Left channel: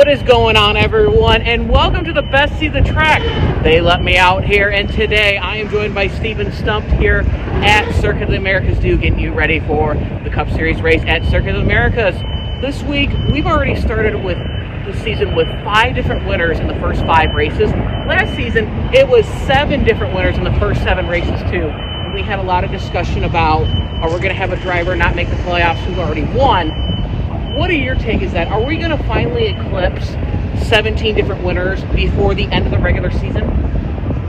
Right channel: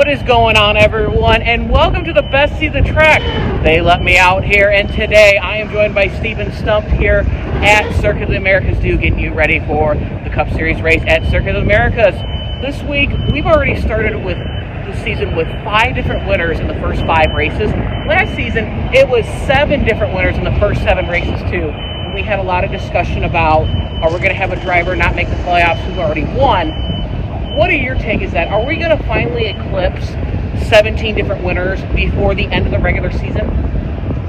What is going on, everyone? And welcome to the best seat of the track. They let me out here, and today I am joined by Stephen Stumpf here at Circuit of the Americas 2, getting you ready for the Cup Series race at Circuit of the Americas. This week, we've already started with the season with 5 different winners in the first 5 races. Last season, it was 7 different winners in the first 7 races, too. And we had a lot of discussion about, are we going to have a driver not make the playoffs who's already won? What are your take is that? Are we going to finally eclipse 17 different winners before the end of the regular season?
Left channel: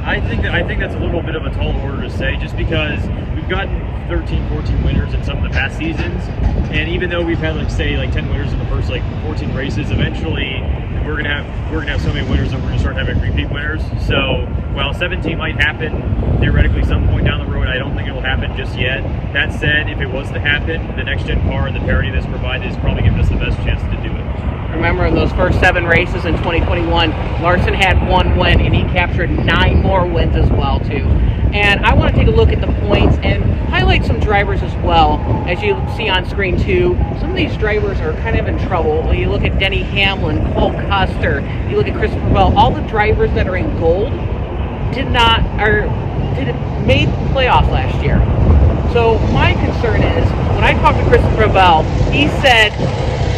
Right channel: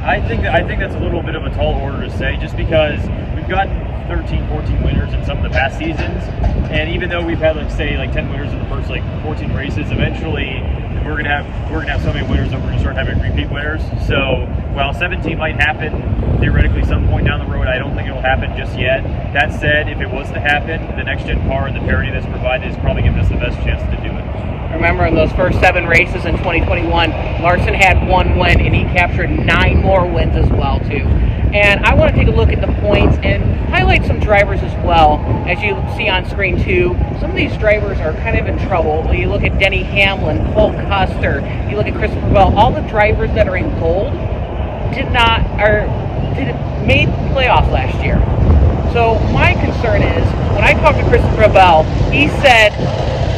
I think that's a little bit of a tall order to say, just because we've gotten 13, 14 winners in some of the past seasons, and even though we've had, let's say, 10 winners in the first 14 races, eventually we're gonna have so many winners that we're gonna start having repeat winners. So while 17 might happen theoretically some point down the road, I don't think it will happen just yet. That said, if it was to happen, the next gen car and the parity that's provided is probably giving us the best chance to do it. Remember, in those first 7 races in 2021, Larson had 1 win, and he captured 9 more wins as well, too. And I want to take a look at the points and highlight some drivers as well. As you see on screen, too, some of these drivers are kind of in trouble. When you look at Denny Hamlin, Cole Custer, you look at Christopher Bell, all the drivers that are in gold made playoff last year. So my concern is, when I talked to Christopher Bell, he said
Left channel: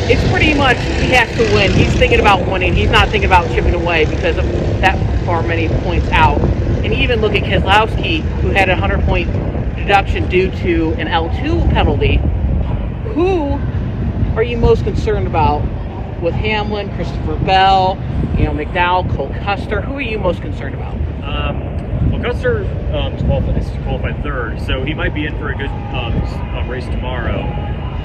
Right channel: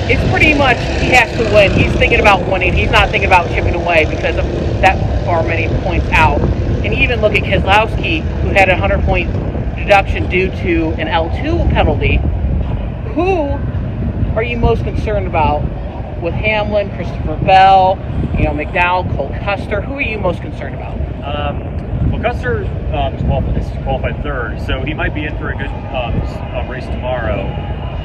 it's pretty much he has to win. He's thinking about winning. He's not thinking about chipping away because of that far many points out. And even look at Keselowski, who had a 100-point deduction due to an L2 penalty. Who are you most concerned about with Hamlin, Christopher Bell, McDowell, Cole Custer? Who are you most concerned about? Well, Custer qualified 3rd, so he might be in for a good race tomorrow.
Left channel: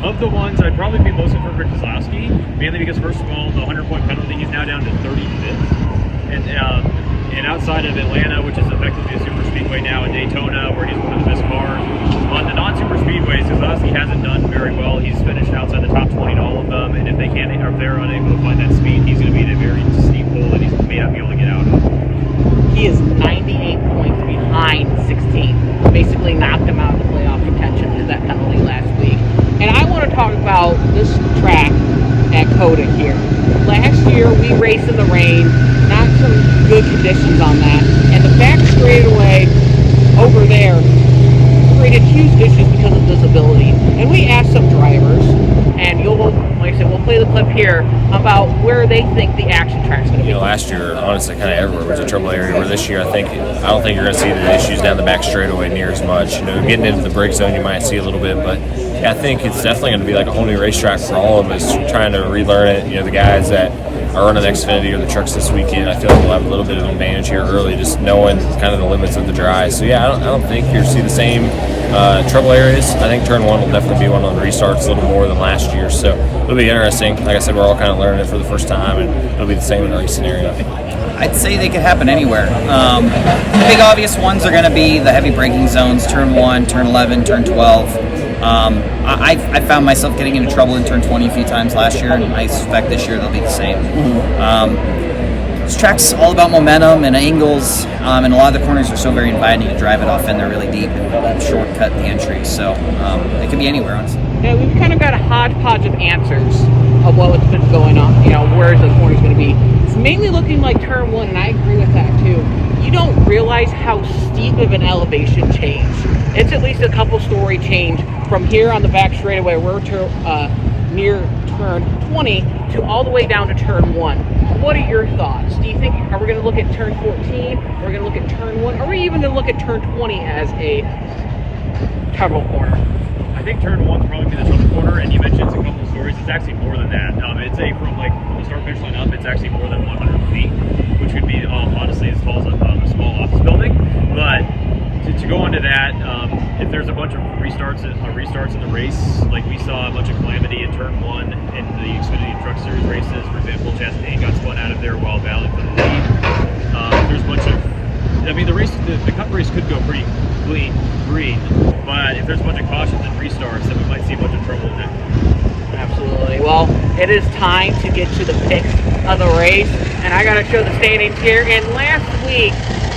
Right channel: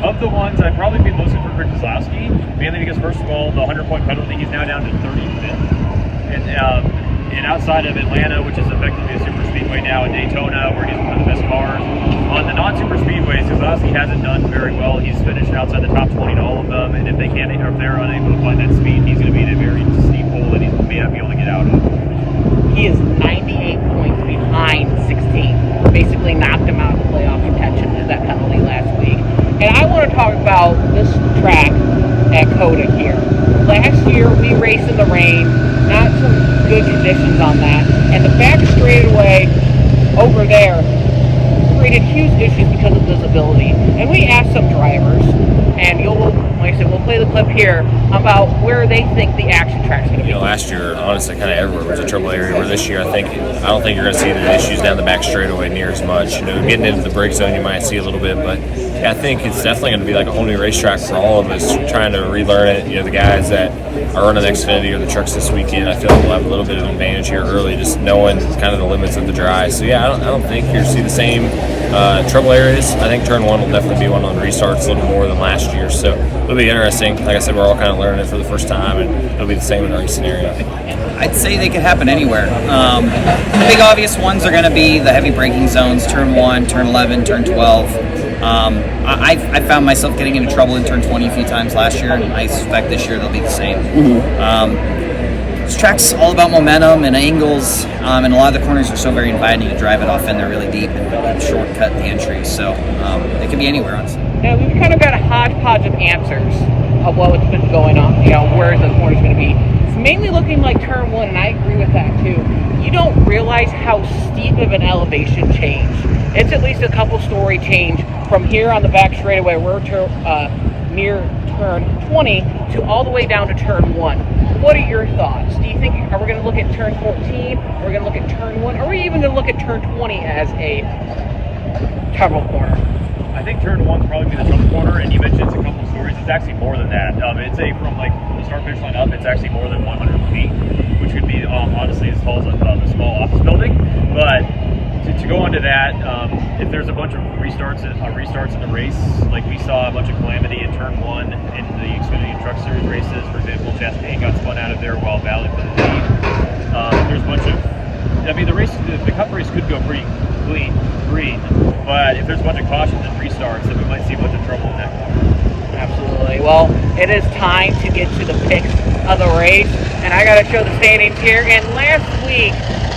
Of the ones, I'd probably be most in for Keselowski, mainly because, first of all, the 100-point penalty, he's now down to 35th. And outside of Atlanta, which is effectively a super speedway now, and Daytona, where he's one of the best cars, on the non-super speedways, Keselowski hasn't done very well. He's finished outside the top 20 in all of them, and if they're unable to find that speed, he's going to be in a very steep hole that he may not be able to get out of. He is 98 points behind 16. Basically knocked him out of playoff contention with that penalty last week. And I want to talk about this track at COTA here. Last year, we raced in the rain, not some good conditions on that. And the back straightaway over there created huge issues because of visibility. And we asked some drivers, and like I said, we'll play the clip here about where they think the action track's going to be. Last year, honestly, kind of everywhere was a trouble area. Where this year, I don't think you're going to see the issues down the back straightaway near as much. Getting into the break zone, you might see a little bit, but I think it's definitely going to be like a whole new racetrack for all of us, trying to relearn it. The guys that are running the Xfinity or the trucks this weekend, I feel like we'll have a little bit of an advantage here early, just knowing kind of the limits of the dry. So yeah, I don't think you'll see the same trouble areas. I think turn 1 will definitely be one on the restarts a little more than last year. So it'll be interesting. Like I said, we're all kind of learning it for the first time, and it'll be the same in the race scenario. I'd say they could happen anywhere. The big obvious ones are going to be the heavy braking zones, turn 1, turn 11, turn 12. I found myself getting into trouble in turn 20 a few times last year, and I suspect this year they'll be the same. This track's all about momentum and angles, and a lot of the corners are so very inviting to drive it off in. They're really deep and shortcut the entry, so it can be anywhere, honestly. Yeah, we've kind of got a hodgepodge of answers of what's been going on, where the corner's going to be. It's mainly looking like turn 1, and I agree with that too. You don't realize how steep of an elevation change. It's at least a couple story change from here on the back straightaway, we're near turn 20 to all the way down to turn 1. What are your thoughts? Do you think, are we going to look at turn 14? Are we going to look at turn 1? Are we even going to look at turn 20 as a trouble corner? I think turn 1 will probably be the trouble corner, and you mentioned it's a couple stories. It's actually more than that. From the start finish line up, it's actually more than 100 feet, which would be honestly as tall as a small office building. But to go into that, if there's a bunch of restarts in the race, like we saw a bunch of calamity in turn 1 in the Xfinity Truck Series races, for example, Chastain got spun out of there while battling for the lead. There's a bunch of, the Cup race could go pretty green, but if there's a bunch of cautions and restarts, then we might see a bunch of trouble in that one. Absolutely. Well, it is time to get to the picks of the race, and I got to show the standings here. And last week,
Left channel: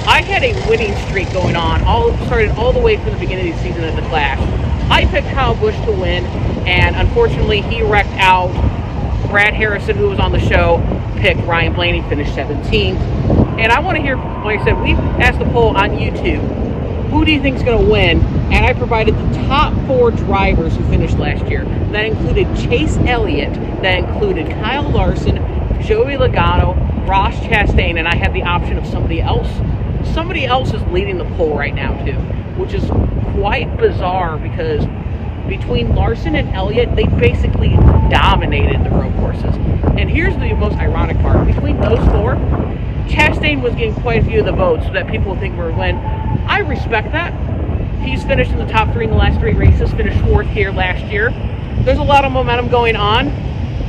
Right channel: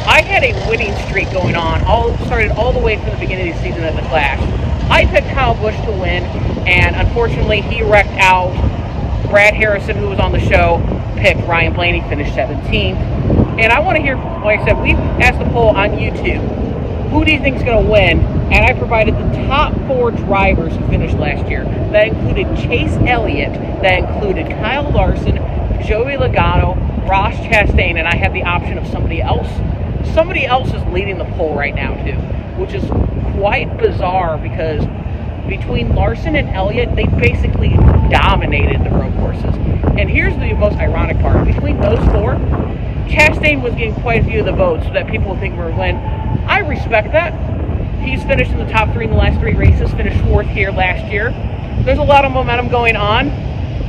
I had a winning streak going on, started all the way from the beginning of the season at the class. I picked Kyle Busch to win, and unfortunately he wrecked out Brad Harrison, who was on the show, picked Ryan Blaney, finished 17th. And I want to hear, like I said, we asked the poll on YouTube, who do you think is going to win? And I provided the top 4 drivers who finished last year. That included Chase Elliott, that included Kyle Larson, Joey Logano, Ross Chastain, and I have the option of somebody else. Somebody else is leading the poll right now, too, which is quite bizarre because between Larson and Elliott, they basically dominated the road courses. And here's the most ironic part. Between those 4, Chastain was getting quite a few of the votes that people think were going to win. I respect that. He's finished in the top 3 in the last 3 races, finished 4th here last year. There's a lot of momentum going on,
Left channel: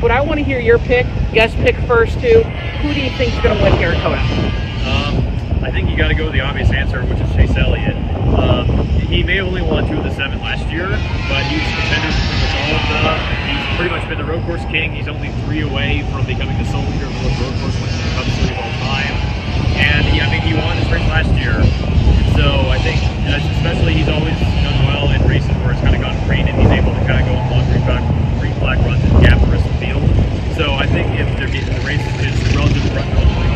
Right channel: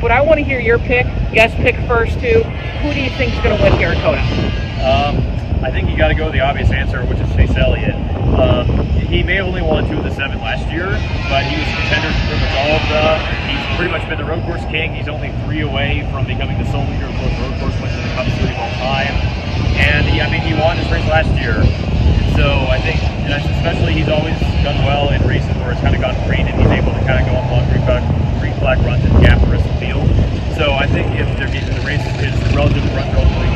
but I want to hear your pick. Guest pick first, too. Who do you think is going to win here at COTA? I think you got to go with the obvious answer, which is Chase Elliott. He may have only won 2 of the 7 last year, but he was contender for pretty much all of them. He's pretty much been the road course king. He's only 3 away from becoming the sole road course winner in the Cup Series of all time. And I think he won this race last year. So I think, especially he's always done well in races where it's kind of gotten rainy. He's able to kind of go on long green flag runs and gap the rest of the field. So I think if they're getting the races it's relatively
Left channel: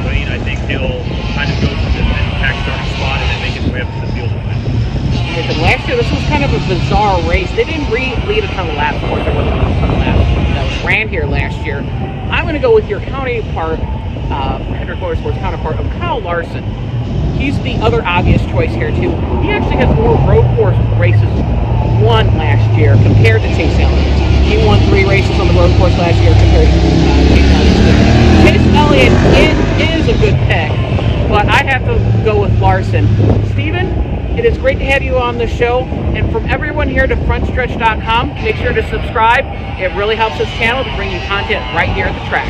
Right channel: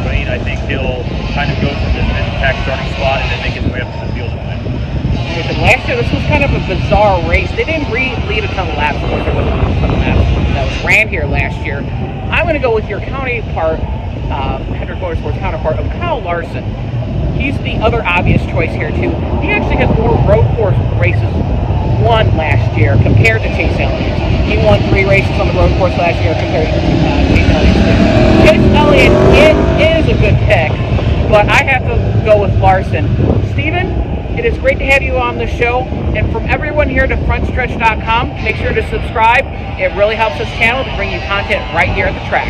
clean, I think he'll kind of go from the impact starting spot and make his way up to the field and win. Last year, this was kind of a bizarre race. They didn't lead a ton of laps. Of course, there wasn't a ton of laps that was ran here last year. I'm going to go with your counterpart, Hendrick Motorsports counterpart of Kyle Larson. He's the other obvious choice here, too. He actually has more road course races won last year compared to Chase Elliott. He won 3 races on the road course last year compared to Chase Elliott. Chase Elliott is a good pick, but I have to go with Larson. Stephen, it is great to have you on the show. And from everyone here to Frontstretch.com, make sure to subscribe. It really helps this channel to bring you content right here at the track.